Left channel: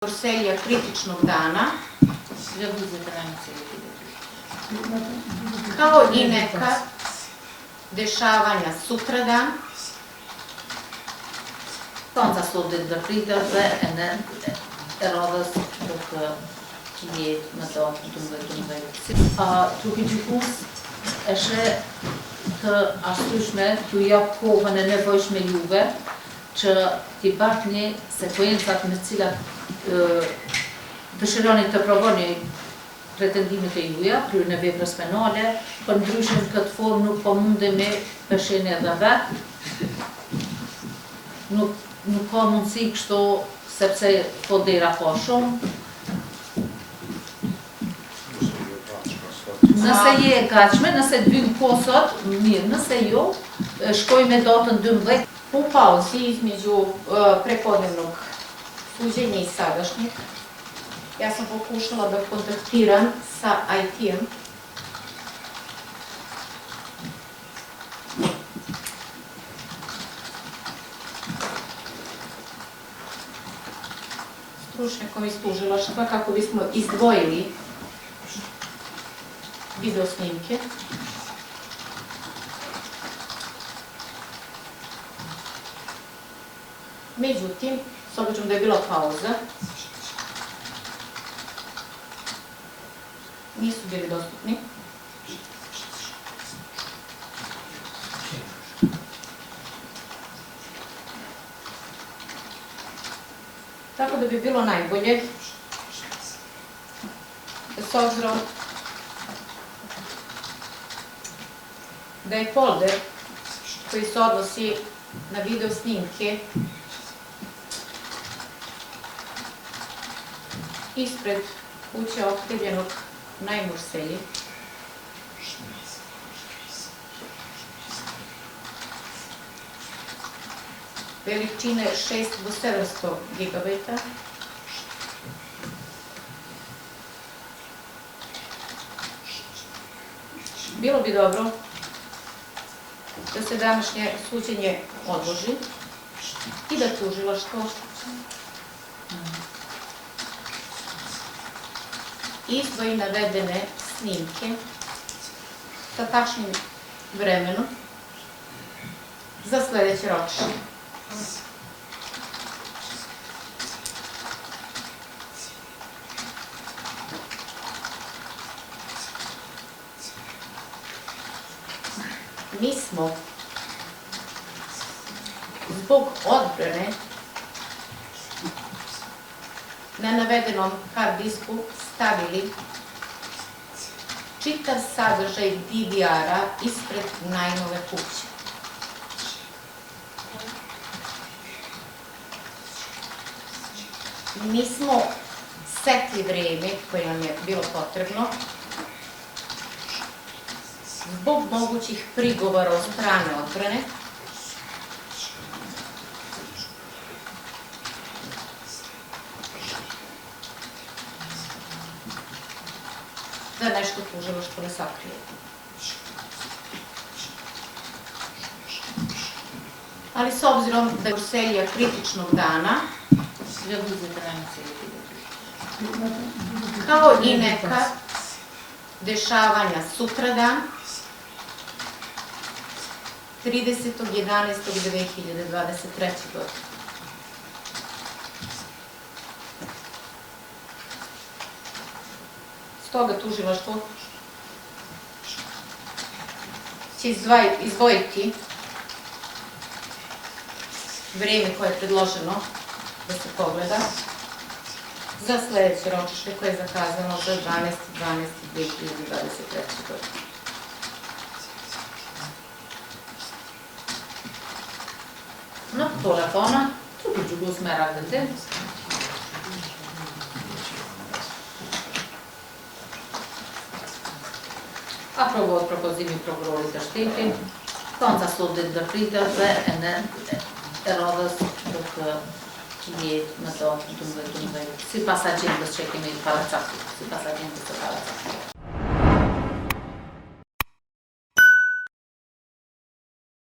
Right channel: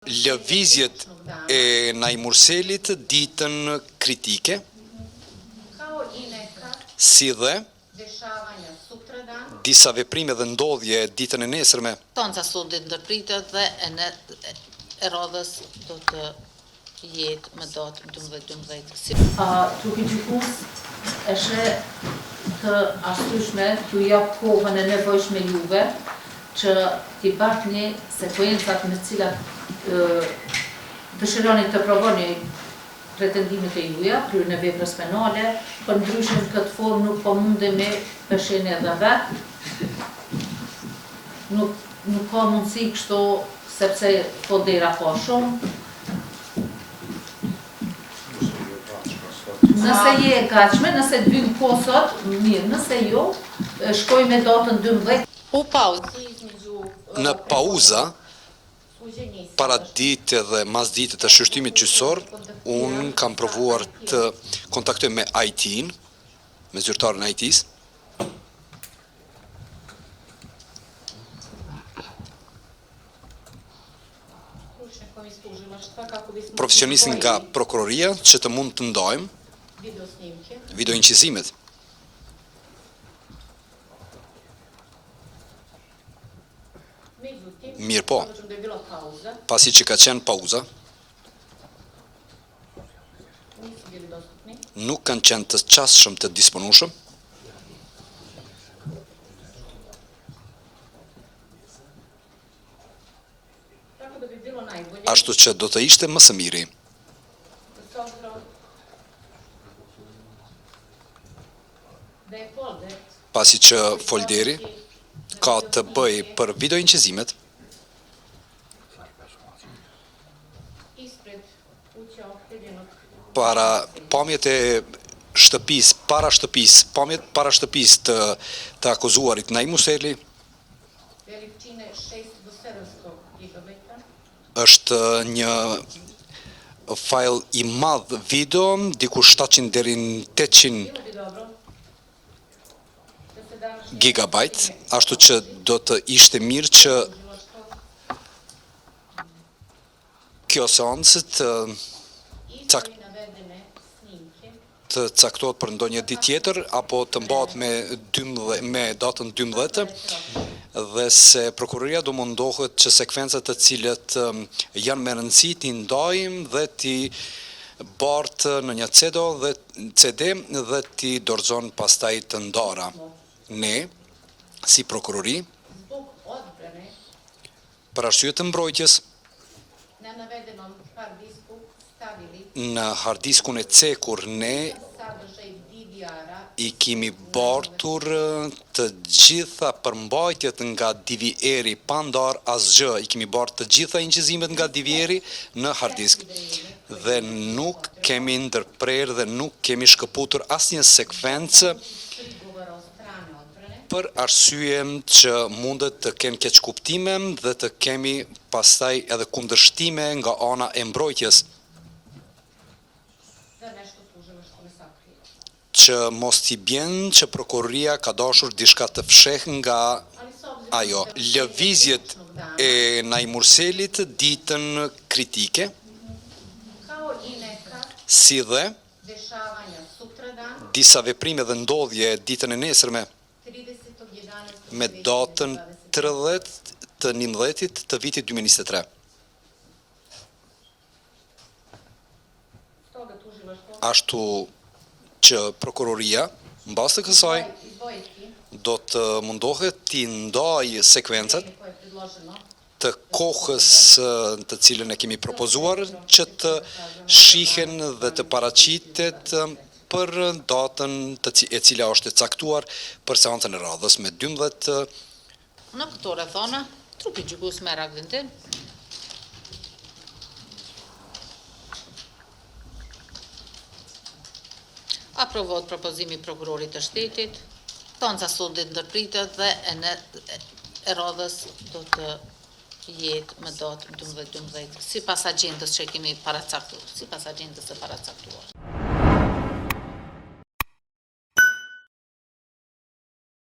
Lëvizjet e Najmurselit ditën kritike, si dhe disa veprime dhe ndodhje ditën e nesërme. Konca sot ditë do pritet dhe e radhës do të jetë më datën 12. Trupi gjykos e sheh të ashtushme t'ju jap kohën e nevojshme juve që t'i bartni sekuencat me cilat dëshironi të provoni pretendimet e juja, kryen e veprës penale, për ndryshe në këtë formë nuk po mundemi pesheni edhe vetë. Nuk ka mundësi kështu sepse po dera ka shumë. Nëse je e gatshme, nëse të vymë po sot, mirë, nëse jo, shkoj me datën 12. Në pauza, para ditë dhe mas ditë të shështimit gjyqësor, unë kam provuar të kontaktoj me IT-n, me zyrtarën e IT-s. Profesionistin ka prokuroria që të mund të ndajmë videoincizimet. Mirë po, pasi që ka qenë pauza, nuk kanë qenë të qasshëm të disponueshëm, ashtu që do të ishte më së miri. Pasi që folderi ka të bëj për videoincizimet, para pamjet e shtëpis, pamjet para shtëpis të akuzuarit Najmurseli, është një file i madh video, diku 700 deri në 800 gigabajt, ashtu që do të ishte mirë që kjo seancë të caktohet për ndonjë ditë tjetër, apo të mbahet me datën 12, dhe se prokuroria do mundohet që sekvencat të cilët janë me rëndësi t'i ndajmë dhe t'i bartë në një CD dhe t'i dorëzon pastaj të ndara. Ne, si prokurori, për arsye të mbrojtjes, në harddiskun e cekur ne i kemi bartur të gjitha përmbajtjet nga DVR-i pa ndar asgjë, i kemi bartur të gjitha incizimet nga DVR-i në harddisk dhe nuk kemi ndërprer dhe nuk kemi shkëputur asnjë sekvencë për arsye që mundet të kemë keqkuptime dhe të kemi pastaj edhe kundërshtime nga ana e mbrojtjes. Që mos t'i bjen që prokuroria ka dashur diçka të fsheh nga ajo. Lëvizjet e Najmurselit ditën kritike, si dhe disa veprime dhe ndodhje ditën e nesërme, me datën 30 të 11 të vitit 2023. Ashtu që prokuroria, mbas të kësaj, do të mundohet t'i ndajë sekvencat të kohës të cilën e kemi propozuar që të shihen dhe të paraqitet për datën e cila është e caktuar për seancën e radhës me 12. Në këto rrethona, trupi gjykos merr vendim. Aprovohet propozimi i prokurorit të shtetit, konca sot ditë do pritet dhe e radhës do të jetë më datën 12, sipas agjendës që kemi paraqafuar,